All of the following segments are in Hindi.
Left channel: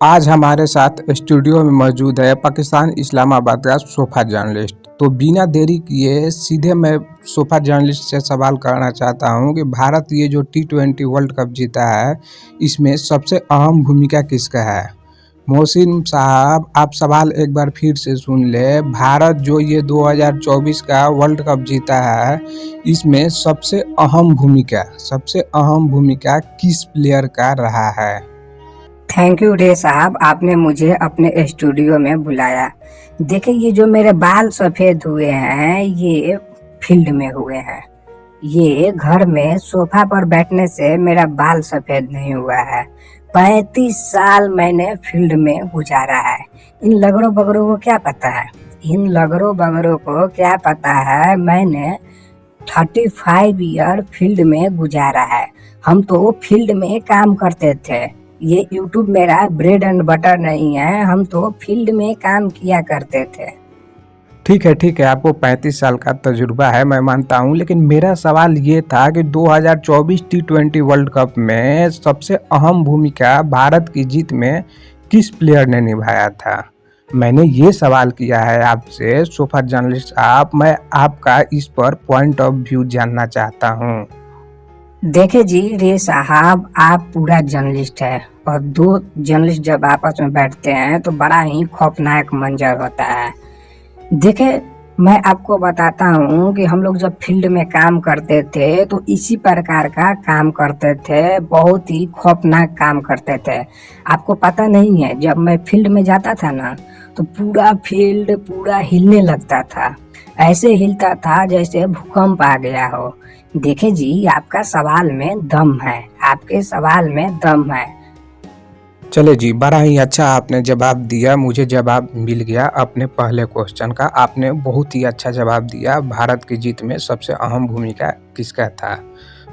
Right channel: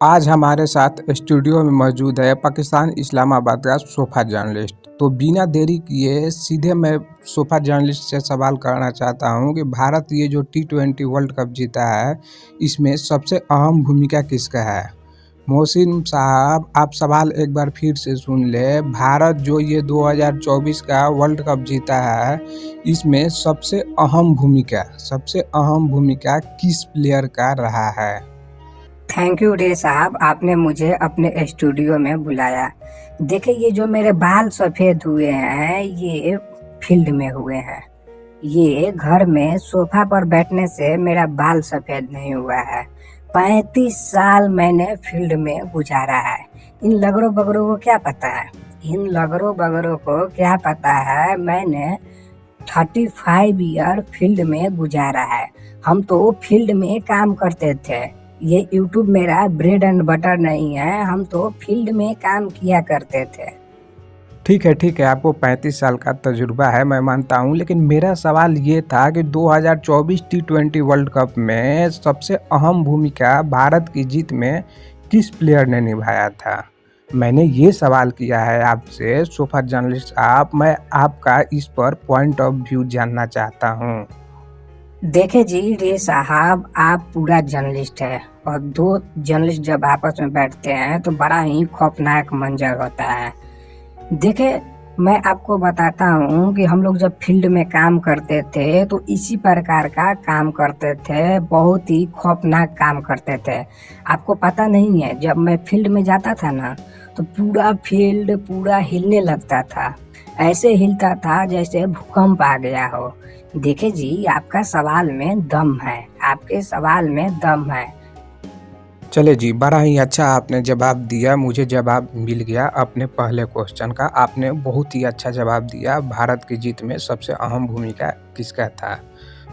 आज हमारे साथ स्टूडियो में मौजूद है पाकिस्तान इस्लामाबाद का सोफा जर्नलिस्ट। तो बिना देरी किए सीधे मैं सोफा जर्नलिस्ट से सवाल करना चाहता हूं कि भारत ये जो T20 वर्ल्ड कप जीता है, इसमें सबसे अहम भूमिका किसका है? मोहसिन साहब, आप सवाल एक बार फिर से सुन ले। भारत जो ये 2024 का वर्ल्ड कप जीता है, इसमें सबसे अहम भूमिका किस प्लेयर का रहा है? थैंक यू रे साहब, आपने मुझे अपने स्टूडियो में बुलाया। देखिए, ये जो मेरे बाल सफेद हुए हैं ये फील्ड में हुए हैं। ये घर में सोफा पर बैठने से मेरा बाल सफेद नहीं हुआ है। 35 साल मैंने फील्ड में गुजारा है। इन लगड़ों बगड़ों को क्या पता है? इन लगड़ों बगड़ों को क्या पता है? मैंने 35 ईयर फील्ड में गुजारा है। हम तो फील्ड में काम करते थे। ये यूट्यूब मेरा ब्रेड एंड बटर नहीं है। हम तो फील्ड में काम किया करते थे। ठीक है, आपको 35 साल का तजुर्बा है, मैं मानता हूँ, लेकिन मेरा सवाल ये था कि 2024 T20 वर्ल्ड कप में सबसे अहम भूमिका भारत की जीत में किस प्लेयर ने निभाया था? मैंने ये सवाल किया है आपसे सोफा जर्नलिस्ट साहब। मैं आपका इस पर पॉइंट ऑफ व्यू जानना चाहता हूँ। देखे जी रे साहब, आप पूरा जर्नलिस्ट है और दो जर्नलिस्ट जब आपस में बैठते हैं तो बड़ा ही खौफनाक मंजर होता है। देखे, मैं आपको बताता हूँ कि हम लोग जब फील्ड में काम करते थे तो इसी प्रकार का काम करते थे। बहुत ही खौफनाक काम करते थे। आपको पता नहीं है, जब मैं फील्ड में जाता था ना तो पूरा फील्ड पूरा हिलने लगता था। ऐसे हिलता था जैसे भूकंप आ गया हो। देखे जी, आपका सवाल में दम है। आपके सवाल में दम है। चले जी, बड़ा ही अच्छा आपने जवाब दिया। मुझे जवाब मिल गया अपने पहले क्वेश्चन का। आपने बहुत ही अच्छा जवाब दिया। भारत की जीत में सबसे अहम भूमिका किसका था?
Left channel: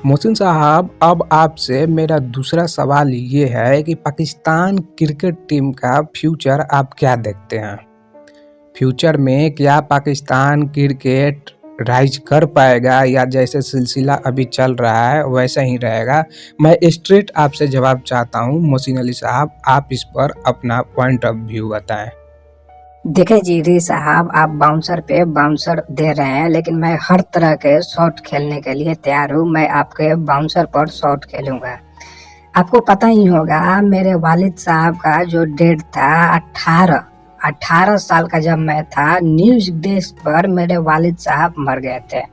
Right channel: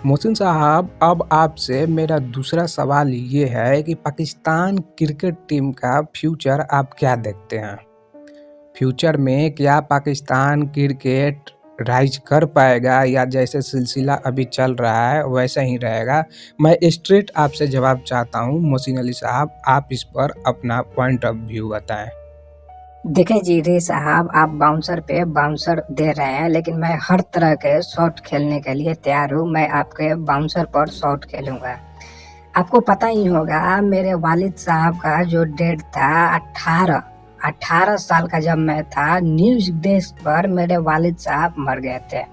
मोहसिन साहब, अब आपसे मेरा दूसरा सवाल ये है कि पाकिस्तान क्रिकेट टीम का फ्यूचर आप क्या देखते हैं? फ्यूचर में क्या पाकिस्तान क्रिकेट राइज कर पाएगा, या जैसे सिलसिला अभी चल रहा है वैसा ही रहेगा? मैं स्ट्रेट आपसे जवाब चाहता हूँ मोहसिन अली साहब, आप इस पर अपना पॉइंट ऑफ व्यू बताएं। देखे जी रे साहब, आप बाउंसर पे बाउंसर दे रहे हैं, लेकिन मैं हर तरह के शॉट खेलने के लिए तैयार हूँ। मैं आपके बाउंसर पर शॉट खेलूंगा। आपको पता ही होगा, मेरे वालिद साहब का जो डेट था 18 साल का जब मैं था, न्यूज डेस्क पर मेरे वालिद साहब मर गए थे।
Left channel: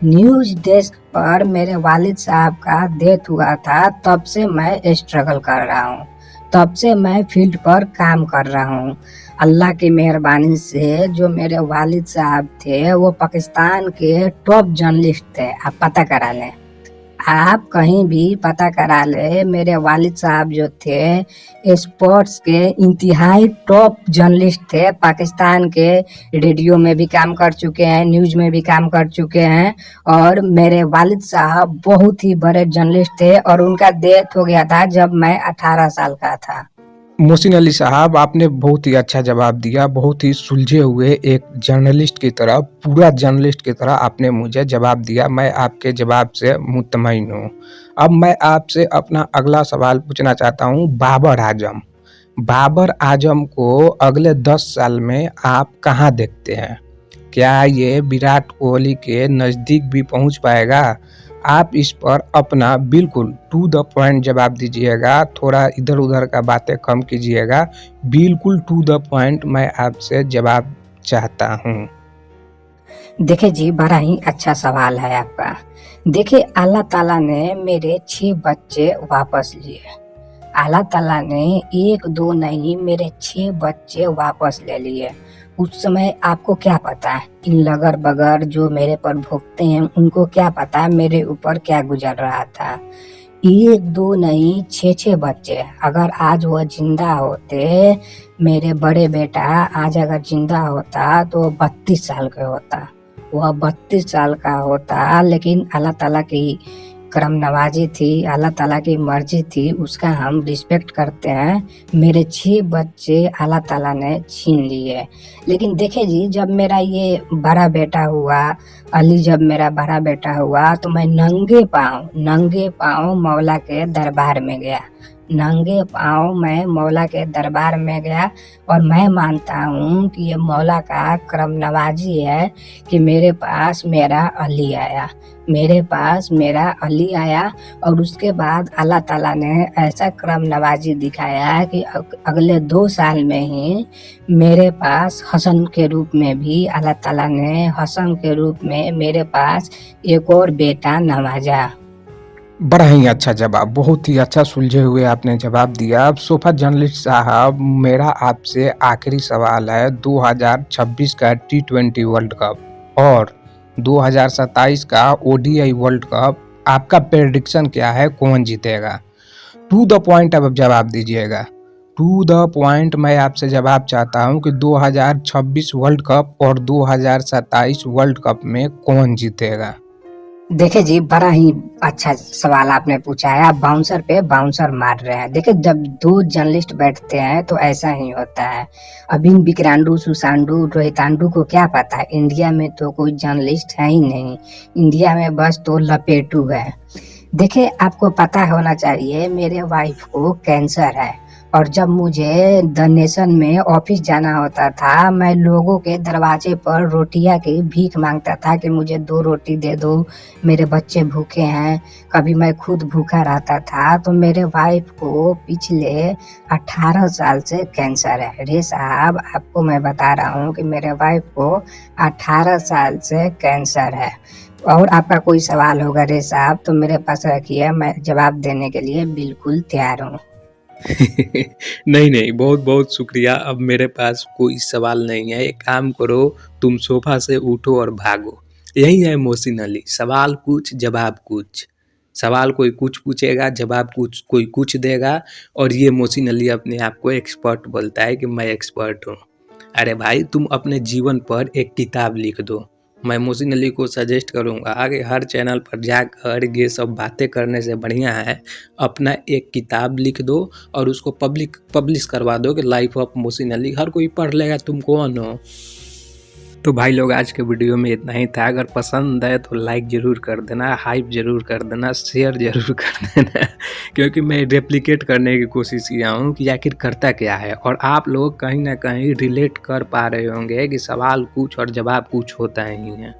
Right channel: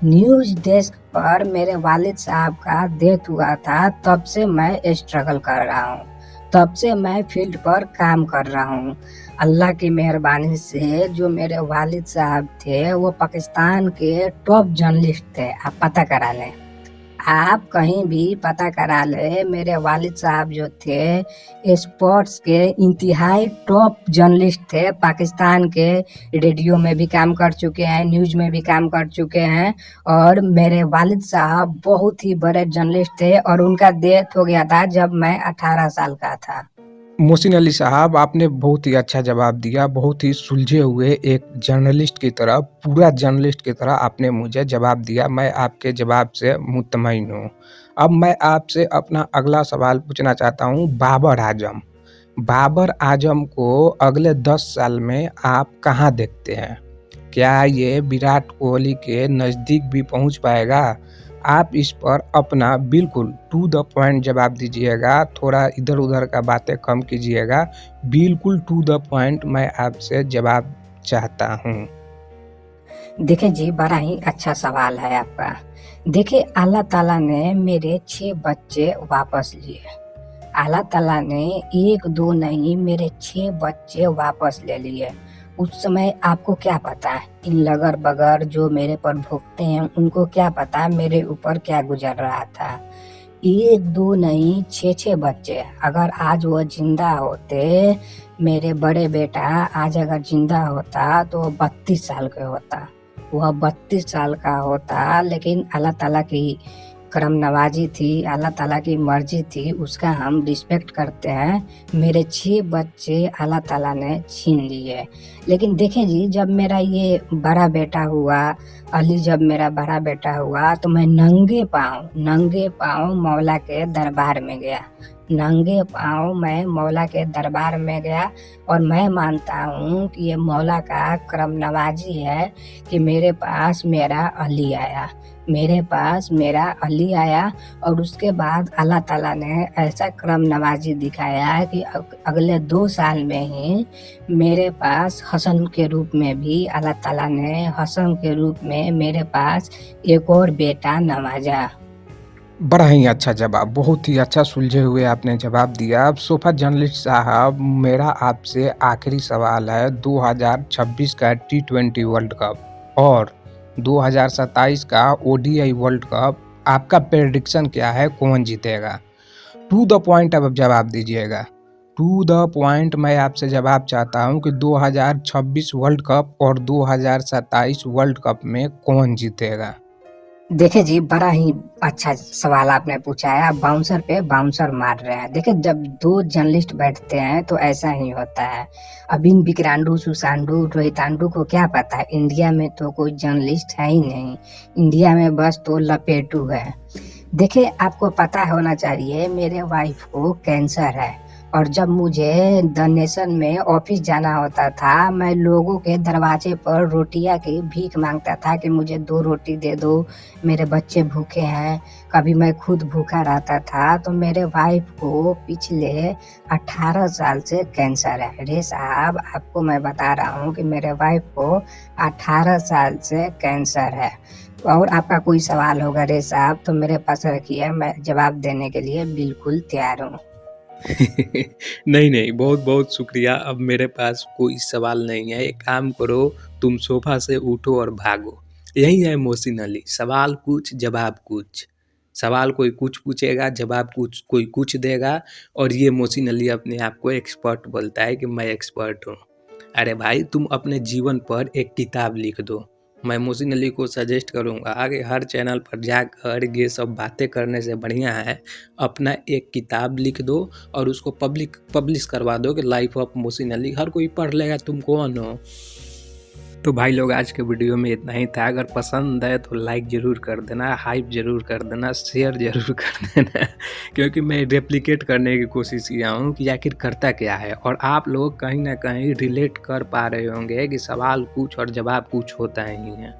न्यूज डेस्क पर मेरे वालिद साहब का डेथ हुआ था। तब से मैं स्ट्रगल कर रहा हूँ। तब से मैं फील्ड पर काम कर रहा हूँ। अल्लाह की मेहरबानी से जो मेरे वालिद साहब थे वो पाकिस्तान के टॉप जर्नलिस्ट थे। आप पता करा लें। आप कहीं भी पता करा ले, मेरे वालिद साहब जो थे स्पोर्ट्स के इंतहाई टॉप जर्नलिस्ट थे। पाकिस्तान के रेडियो में भी काम कर चुके हैं, न्यूज में भी काम कर चुके हैं। और मेरे वालिद साहब बहुत ही बड़े जर्नलिस्ट थे और उनका डेथ हो गया था जब मैं 18 साल का था। मोहसिन अली साहब, आपने बहुत ही अच्छा जवाब दिया। बहुत ही सुलझे हुए एक जर्नलिस्ट की तरह, पूरा जर्नलिस्ट की तरह आपने मुझे जवाब दिया। मैं आपके जवाब से मुतमईन हूँ। अब मैं आपसे अपना अगला सवाल पूछना चाहता हूँ। बाबर आजम को अगले 10 साल में आप कहाँ देखते हैं? क्या ये विराट कोहली के नज़दीक भी पहुँच पाएगा? आप इस पर अपना बिल्कुल टू द पॉइंट जवाब दीजिएगा। थोड़ा इधर-उधर का बातें कम कीजिएगा। बिल्कुल टू द पॉइंट मैं आपसे जवाब चाहता हूँ। देखिए जी, बड़ा ही अच्छा सवाल है आपका। देखिए, अल्लाह ताला ने मेरे 6 बच्चे वापस लिए। अल्लाह ताला ने 1-2 नहीं, मेरे 6 बच्चे वापस ले लिए। उस समय आपको क्या पता, इन लगड़ बगड़ जो मेरे पर भोगते हैं उनको क्या पता मेरे ऊपर क्या गुजर रहा था। 1-2 नहीं, 6-6 बच्चे। अगर आज वो जिंदा होते, मेरे बड़े बेटा आज अगर जिंदा होता तो 32 साल का होता। वह 32 साल का होता, लेकिन अल्लाह ताला की करम नवाजी थी, अल्लाह ताला की मर्जी थी, उसका हम रिस्पेक्ट करते हैं। मेरे 6 बच्चे अल्लाह ताला ने छीन लिए। लेकिन देखे जी, जब मेरा ये बड़ा बेटा हुआ, अली, जब मेरा बड़ा बेटा हुआ तो मैं नंगे पाँव मौला के दरबार में गया। नंगे पाँव मैं मौला के दरबार में गया और मैं मानता हूँ कि ये मौला का करम नवाजी है कि मेरे पास मेरा अली आया, मेरे पास मेरा अली आया। और उसके बाद अल्लाह ताला ने ऐसा करम नवाजी दिखाया कि अगले 2 साल में ही मेरे पास हसन के रूप में भी अल्लाह ताला ने हसन के रूप में मेरे पास एक और बेटा नवाजा। बड़ा ही अच्छा जवाब, बहुत ही अच्छा सुलझे हुए आपने जवाब दिया। अब सोफा जर्नलिस्ट साहब, मेरा आपसे आखिरी सवाल है, 2026 का T20 वर्ल्ड कप और 2027 का ODI वर्ल्ड कप, आपका प्रेडिक्शन क्या है, कौन जीतेगा? टू द पॉइंट अब जवाब दीजिएगा, टू द पॉइंट। मैं आपसे जवाब चाहता हूं कि 2026 वर्ल्ड कप और 2027 वर्ल्ड कप में कौन जीतेगा? देखिए जी, बड़ा ही अच्छा सवाल आपने पूछा है। आप बाउंसर पे बाउंसर मार रहे हैं। देखिए, जब 2 जर्नलिस्ट बैठते हैं तो ऐसा ही होता है। अब इन विक्रांडू, सुशांडू, रोहितांडू को क्या पता है, इंडिया में तो कोई जर्नलिस्ट है ही नहीं। इंडिया में बस तो लपेटू है। देखिए, आपको पता होना चाहिए मेरे वाइफ को कैंसर है और जब मुझे द नेशन में ऑफिस जाना होता था, मैं लोगों के दरवाजे पर रोटियां की भीख मांगता था कि मुझे 2 रोटी दे दो, मेरे बच्चे भूखे हैं। कभी मैं खुद भूखा रहता था। तो मेरे वाइफ को पिछले 18 साल से कैंसर है। अरे साहब, आपको मैं बता रहा हूँ कि मेरे वाइफ को 18 साल से कैंसर है। और आपका कोई सवाल होगा रे साहब तो मेरे पास रखिए, मैं जवाब देने के लिए बिल्कुल तैयार हूँ। नहीं नहीं, बहुत बहुत शुक्रिया। अब मेरे पास कोई सवाल नहीं है। एक काम करो, तुम सोफा से उठो और भागो। यही है मोहसिन अली, सवाल कुछ जवाब कुछ। सवाल कोई कुछ पूछेगा, जवाब कुछ कोई कुछ देगा। और ये मोहसिन अली अपने आप को एक्सपर्ट बोलता है कि मैं एक्सपर्ट हूँ। अरे भाई, तुम अपने जीवन पर एक किताब लिख दो। मैं मोहसिन अली को सजेस्ट करूँगा कि हर चैनल पर जाकर ये सब बातें करने से बढ़िया है अपना एक किताब लिख दो और उसको पब्लिश करवा दो कि लाइफ ऑफ मोहसिन अली, हर कोई पढ़ लेगा तुम कौन हो। तो भाई लोग, आज के वीडियो में इतना ही था। अगर पसंद है तो लाइक ज़रूर कर देना, हाइप ज़रूर कर देना, शेयर ज़रूर कर देना क्योंकि मैं रेप्लिकेट करने की कोशिश किया हूँ कि आखिर करता क्या है। और आप लोग कहीं ना कहीं रिलेट कर पा रहे होंगे कि सवाल कुछ और जवाब कुछ होता ही है।